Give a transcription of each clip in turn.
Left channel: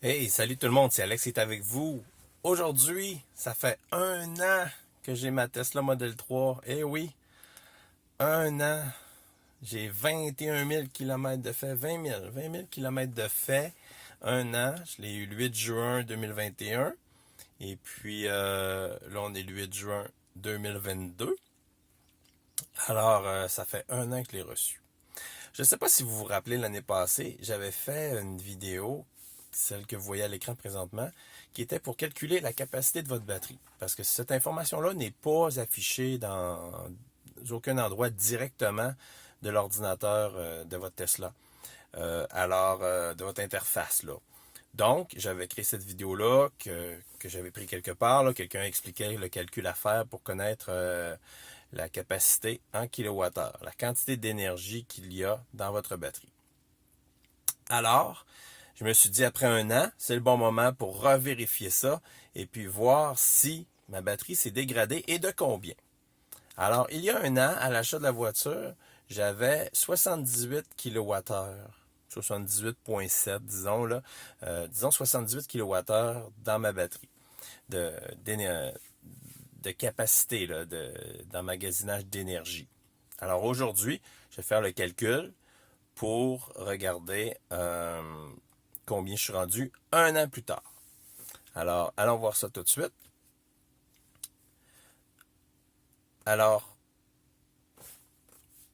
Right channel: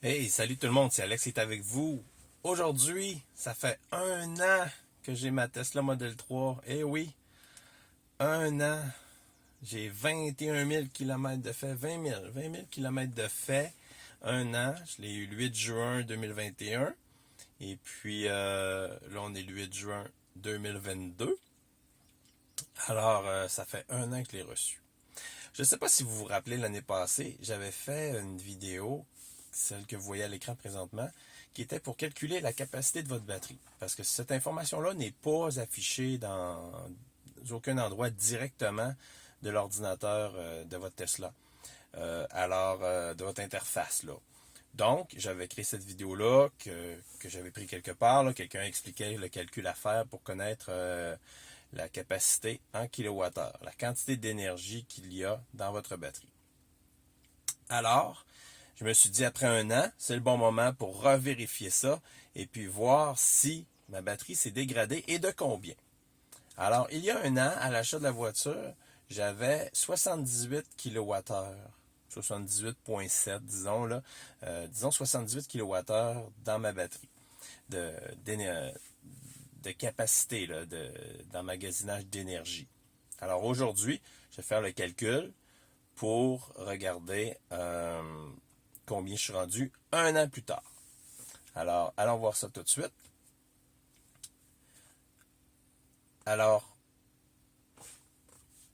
Hey, salut tout le monde, c'est Alex qui est avec vous. Aujourd'hui, ça fait un an que j'ai ma Tesla Model 3. Eh oui, un an. J'ai 21 000 km de fait, 20 000 km de fait, un an. Je l'ai eu le 8 juin 2021. Et puis là, on est le 8 juin 2022. Alors, ça fait un an que je l'ai reçu. Je ne sais pas si vous vous rappelez, l'année passée, j'avais fait une vidéo, celle que vous voyez à l'écran présentement, qui était pour calculer la capacité de votre batterie. Parce que cette information-là n'est pas affichée dans aucun endroit directement de l'ordinateur de votre Tesla. De votre interface, là. Donc, j'avais créé cette vidéo-là que j'avais pris quelque part. Là. Quelqu'un expliquait le calcul à faire pour connaître la capacité en kilowattheure, la quantité d'énergie qu'il y a dans votre batterie. Alors, je me suis dit, après un an, c'est le bon moment pour revérifier ça et puis voir si ma batterie s'est dégradée et de combien. Alors, il y a un an, à l'achat de la voiture, j'avais 78 kWh. 78,7, disons, là. Disons 78 kWh dans ma batterie de, de capacité là, d'emmagasinage d'énergie. Alors aujourd'hui, je vais faire le calcul pour regarder combien je suis rendu un an plus tard. Alors, allons voir ça tout de suite. Alors,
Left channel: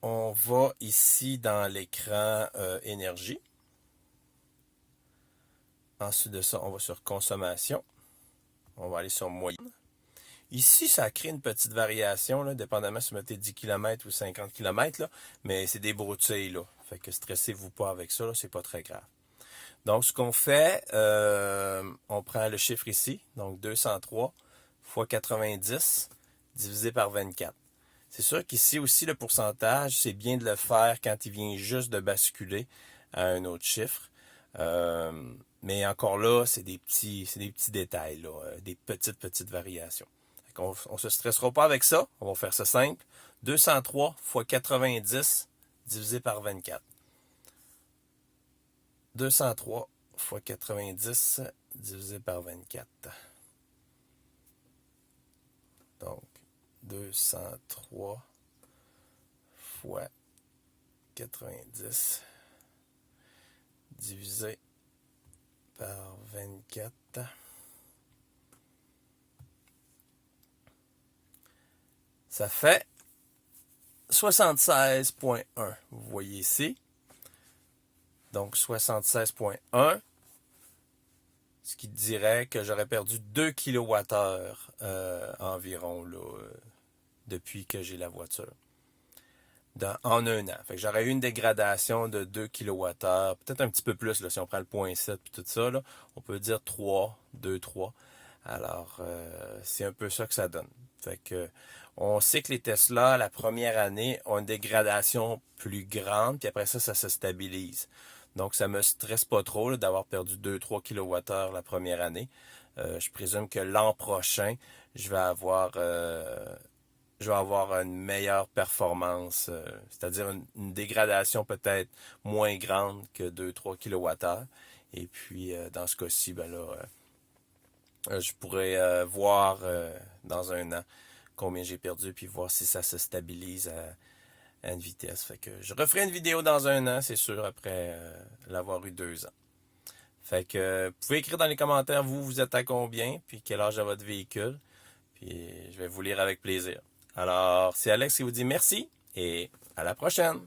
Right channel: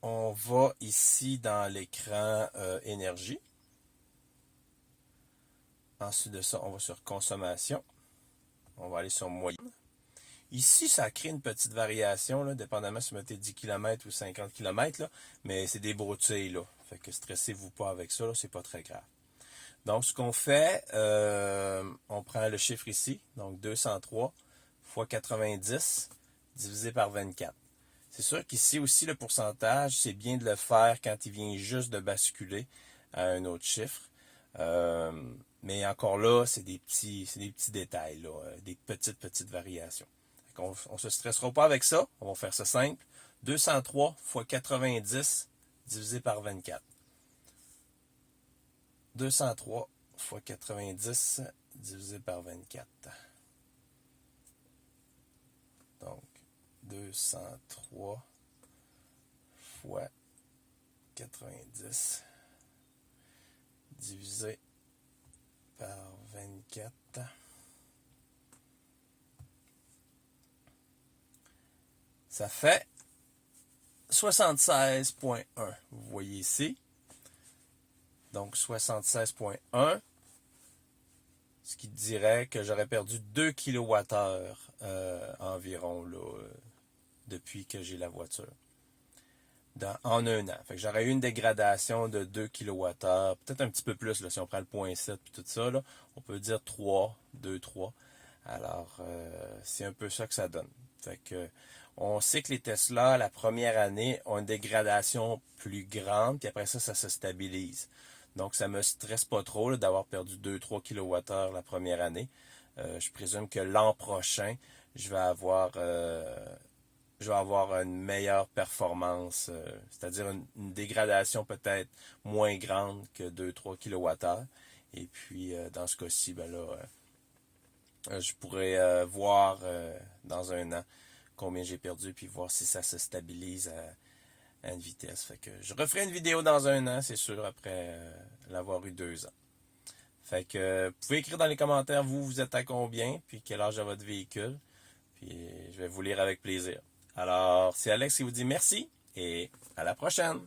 on va ici dans l'écran énergie. Ensuite de ça, on va sur consommation. On va aller sur moyenne. Ici, ça crée une petite variation, là, dépendamment si vous mettez 10 km ou 50 km, là, mais c'est des broutilles, là. Fait que stressez-vous pas avec ça, là, c'est pas très grave. Donc, ce qu'on fait, on prend le chiffre ici, donc 203 fois 90 divisé par 24. C'est sûr qu'ici aussi, le pourcentage, c'est bien de le faire quand il vient juste de basculer à un autre chiffre. Euh, mais encore là, c'est des petits détails, là, des petites variations. On ne se stressera pas avec ça. On va faire ça simple. 203 fois 90 divisé par 24. 203 fois 90 divisé par 24. Donc, 203 fois 90 divisé par 24. Ça fait 76,1. Vous voyez ici. Donc 76,1. Ce qui dirait que j'aurais perdu 2 kWh environ là, depuis que j'ai la voiture. En un an. Fait que j'aurais eu une dégradation de 2 kWh, peut-être un petit peu plus là, si on prend le 0,7 et tout ça. Là, on peut dire 3, 2, 3. Alors, c'est un peu ça que ça donne. Fait que on sait que les Tesla, la première année, ont une dégradation plus grande, puis après ça, ça se stabilise. Donc, ça me stresse pas trop là, d'avoir perdu 2-3 kWh la première année. Je présume que l'an prochain, je vais avoir une meilleure performance, c'est-à-dire une dégradation peut-être moins grande que 2-3 kWh. Et puis, dans ce cas-ci, ben là, je pourrais voir dans un an combien j'ai perdu, puis voir si ça se stabilise à une vitesse. Fait que je referai une vidéo dans un an, c'est sûr, après l'avoir eu 2 ans. Fait que vous pouvez écrire dans les commentaires, vous êtes à combien, puis quel âge a votre véhicule, puis je vais vous lire avec plaisir. Alors, c'est Alex qui vous dit merci, et à la prochaine!